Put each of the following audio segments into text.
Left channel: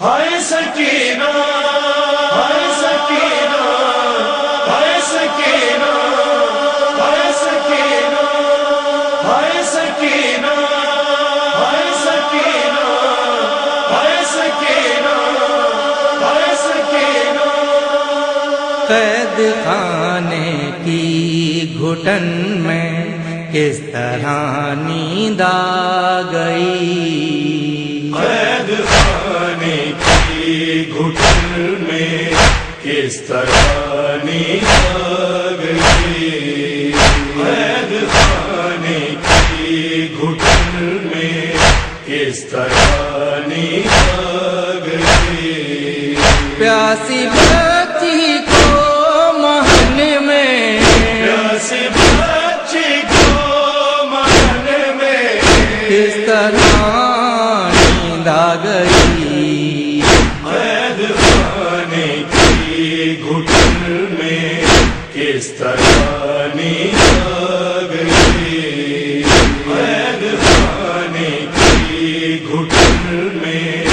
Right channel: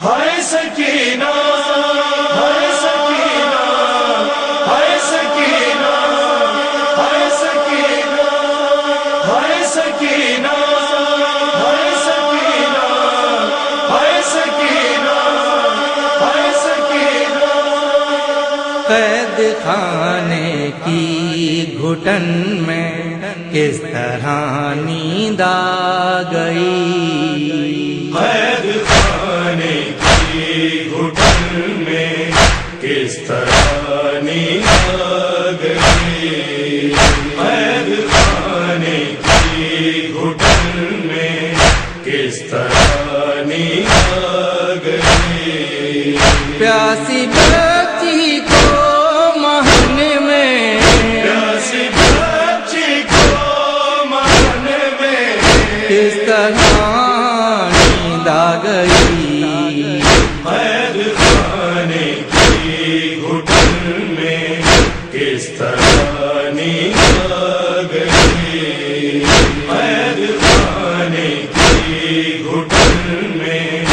ہائے سکینہ ہائے سکینہ ہائے سکینہ ہائے سکینہ ہائے سکینہ ہائے سکینہ ہائے سکینہ ہائے سکینہ قید خانے کی گھٹن میں کس طرح نیند آ گئی، قید خانے کی گھٹن میں کس طرح نیند آ گئی، قید خانے کی گھٹن میں کس طرح نیند آ گئی، پیاسی بچی کو مہن میں، پیاسی بچی کو مہن میں کس طرح نیند آ گئی، قید خانے کی گھٹن میں کس طرح نیند آ گئی، قید خانے کی گھٹن میں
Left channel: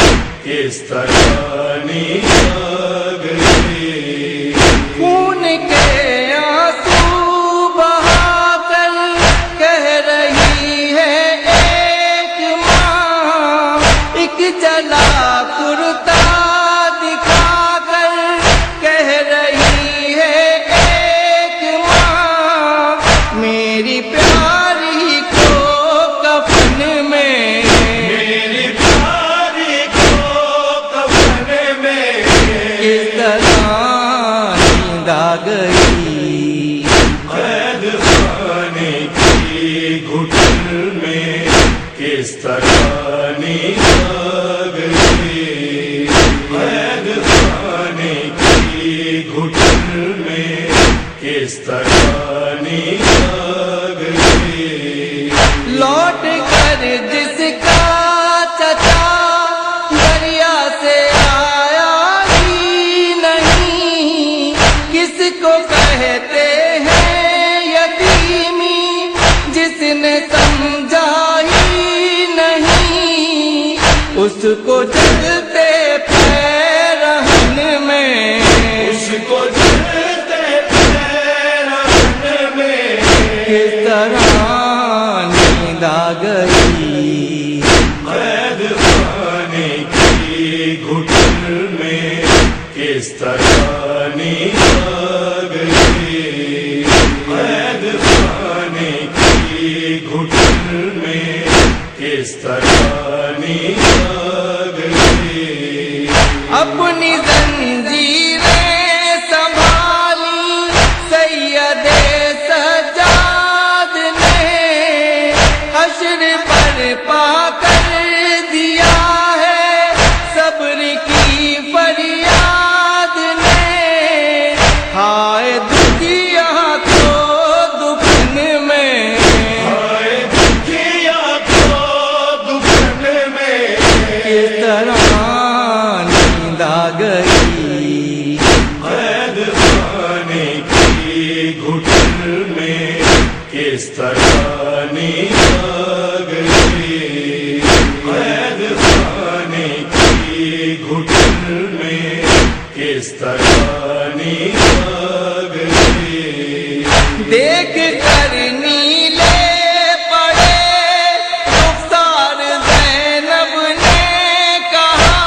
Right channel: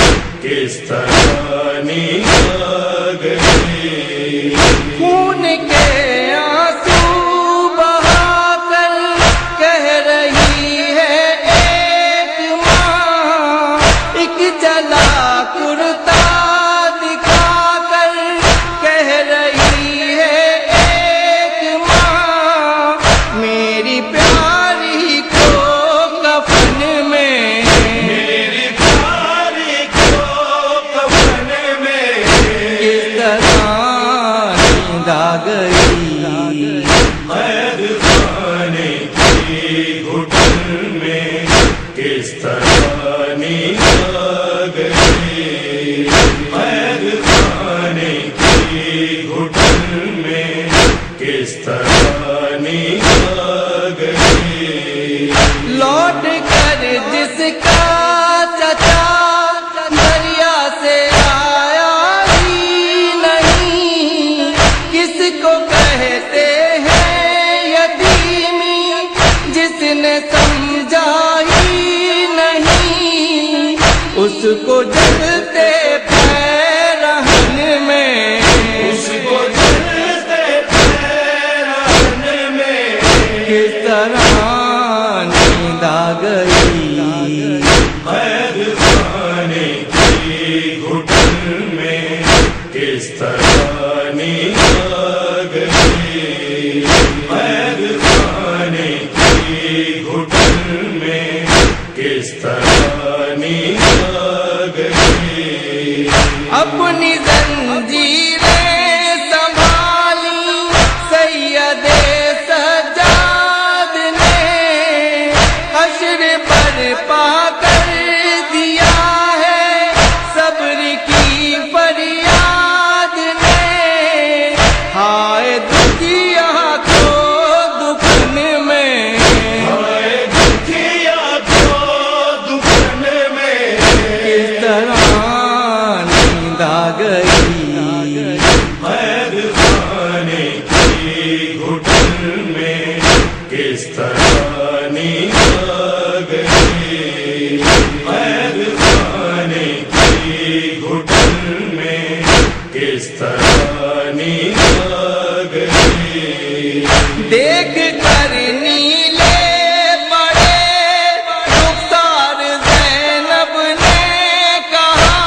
کس طرح نیند آ گئی، خون کے آنسو بہا کر کہہ رہی ہے ایک ماں، ایک جلا کرتا دکھا کر کہہ رہی ہے ایک ماں، میری پیاری کو کفن میں، میری پیاری کو کفن میں کس طرح نیند آ گئی، قید خانے کی گھٹن میں کس طرح نیند آ گئی، قید خانے کی گھٹن میں کس طرح نیند آ گئی، لوٹ کر جس کا چچا دریا سے آیا ہی نہیں، کس کو کہتے ہیں یتیمی جس نے سمجھا ہی نہیں، اس کو جلتے پیرہن میں، اس کو جلتے پیرہن میں کس طرح نیند آ گئی، قید خانے کی گھٹن میں کس طرح نیند آ گئی، قید خانے کی گھٹن میں کس طرح نیند آ گئی، اپنی زنجیریں سنبھالی سید سجاد نے، حشر برپا کر دیا ہے صبر کی فریاد نے، ہائے دکھیا کو دکھن میں، ہائے دکھیا کو دکھن میں کس طرح نیند آ گئی، قید خانے کی گھٹن میں کس طرح نیند آ گئی، قید خانے کی گھٹن میں کس طرح نیند آ گئی، دیکھ کر نیلے پڑے رخسار زینب نے کہا،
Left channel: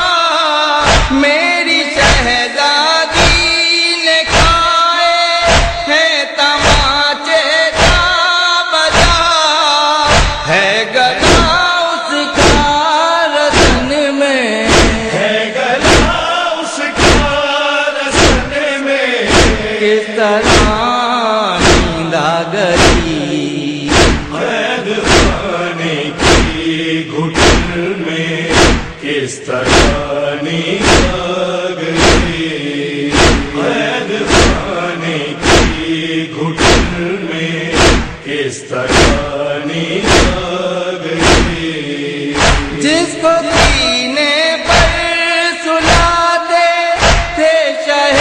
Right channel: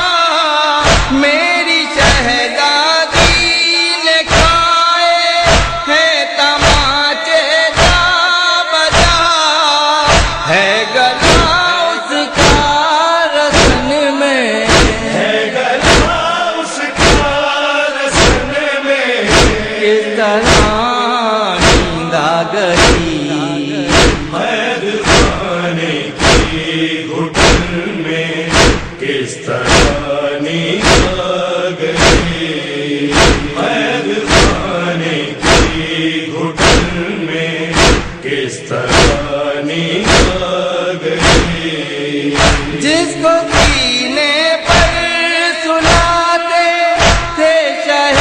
میری شہزادی نے کھائے ہیں تماچے جا بجا، ہے گلا اس کا رسن میں، ہے گلا اس کا رسن میں کس طرح نیند آ گئی، قید خانے کی گھٹن میں کس طرح نیند آ گئی، قید خانے کی گھٹن میں کس طرح نیند آ گئی، جس کو سینے پر سلاتے تھے شہ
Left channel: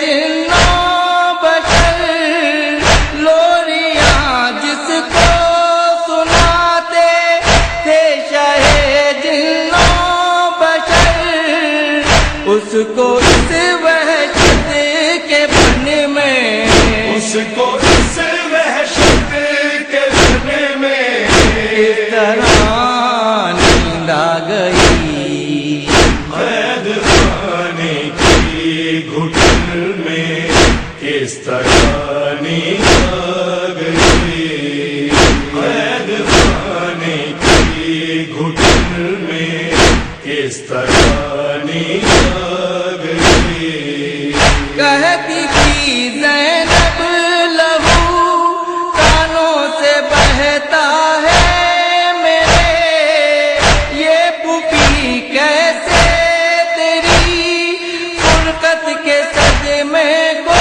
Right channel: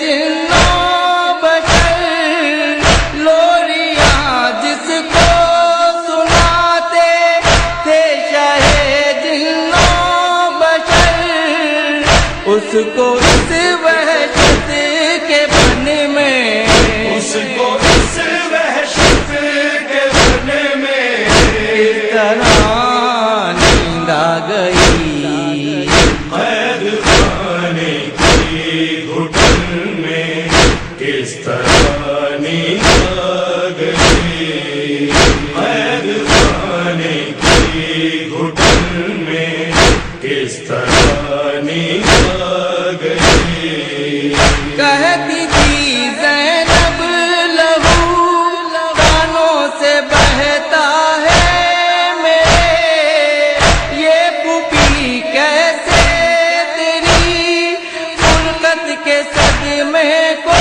جنوں بشر، لوریاں جس کو سناتے تھے شہ جنوں بشر، اس کو اس وحشت کے بن میں، اس کو اس وحشت کے بن میں کس طرح نیند آ گئی، قید خانے کی گھٹن میں کس طرح نیند آ گئی، قید خانے کی گھٹن میں کس طرح نیند آ گئی۔ کہتی تھی زینب لہو کانوں سے بہتا ہے میرے، یہ پھوپھی کیسے تیری فرقت کے صدمے کو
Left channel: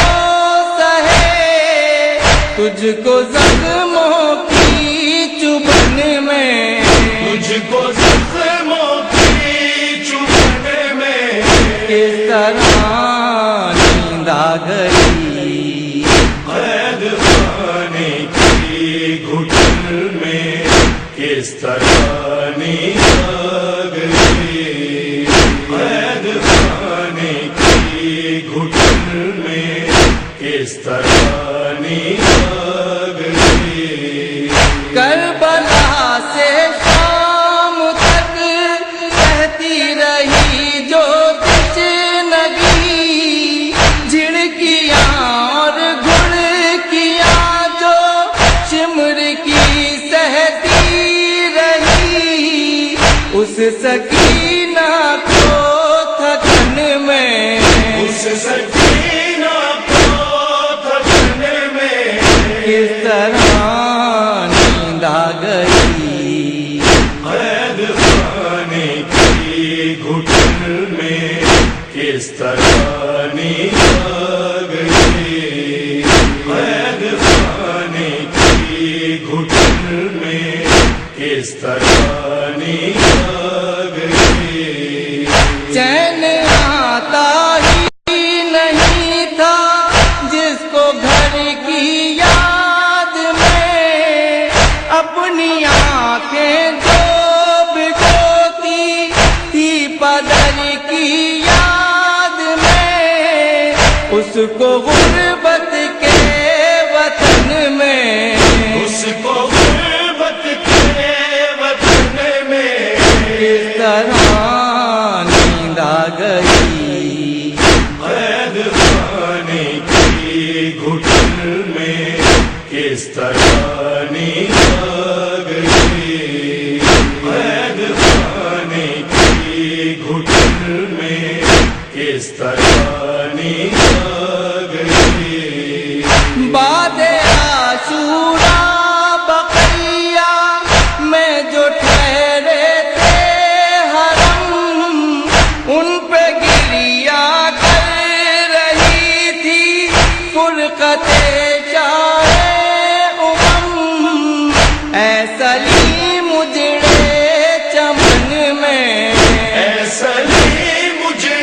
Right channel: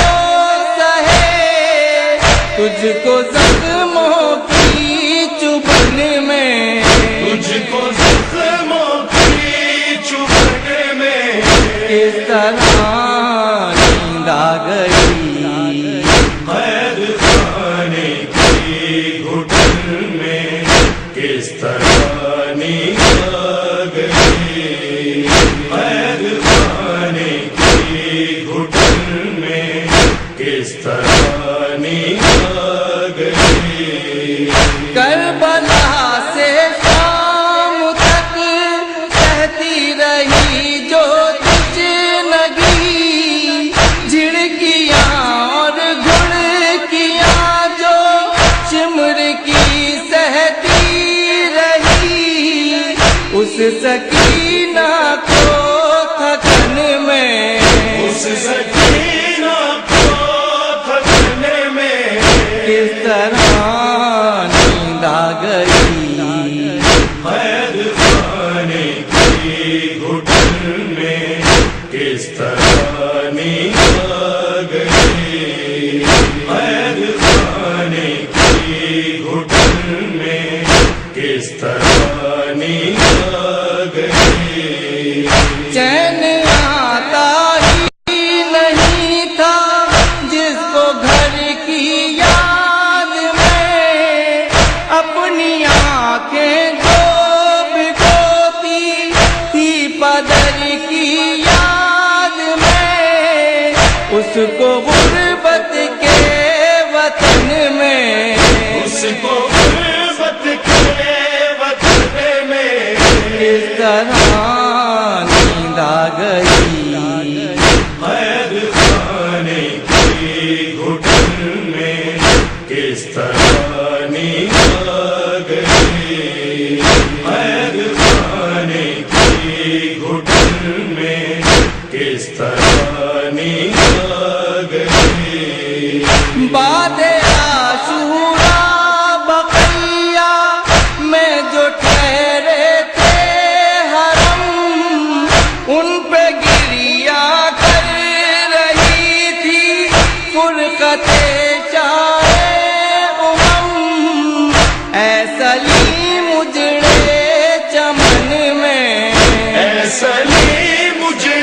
سہے، تجھ کو زخموں کی چبھن میں، تجھ کو زخموں کی چبھن میں کس طرح نیند آ گئی، قید خانے کی گھٹن میں کس طرح نیند آ گئی، قید خانے کی گھٹن میں کس طرح نیند آ گئی۔ کربلا سے شام تک کہتی رہی جو تشنگی، جھڑکیاں اور گھڑکیاں جو شمر کی سہتی رہی، اس سکینہ کو تھکن میں، اس سکینہ کو تھکن میں کس طرح نیند آ گئی، قید خانے کی گھٹن میں کس طرح نیند آ گئی، قید خانے کی گھٹن میں کس طرح نیند آ گئی۔ چین آتا ہی نہیں تھا جس کو گھر کی یاد میں، اپنی آنکھیں جو بھگوتی تھی پدر کی یاد میں، اس کو غربت کے وطن میں، اس کو غربت کے وطن میں کس طرح نیند آ گئی، قید خانے کی گھٹن میں کس طرح نیند آ گئی، قید خانے کی گھٹن میں کس طرح نیند آ گئی۔ بعد عاشورا بقیہ میں جو ٹھہرے تھے حرم، ان پہ گریا کر رہی تھی فرقت شاہ امم، اے سلیم اجڑے چمن میں، ایسا لی مجھے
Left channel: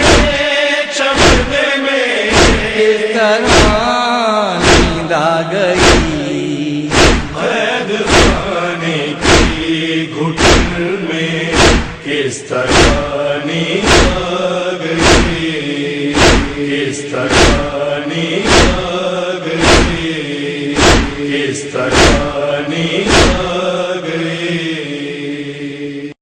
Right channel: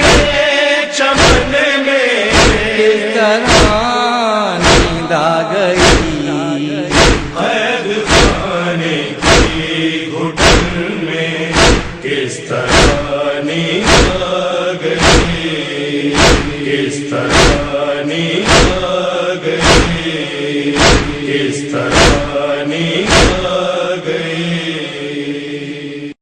چمن میں کس طرح نیند آ گئی، قید خانے کی گھٹن میں کس طرح نیند آ گئی، کس طرح نیند آ گئی، کس طرح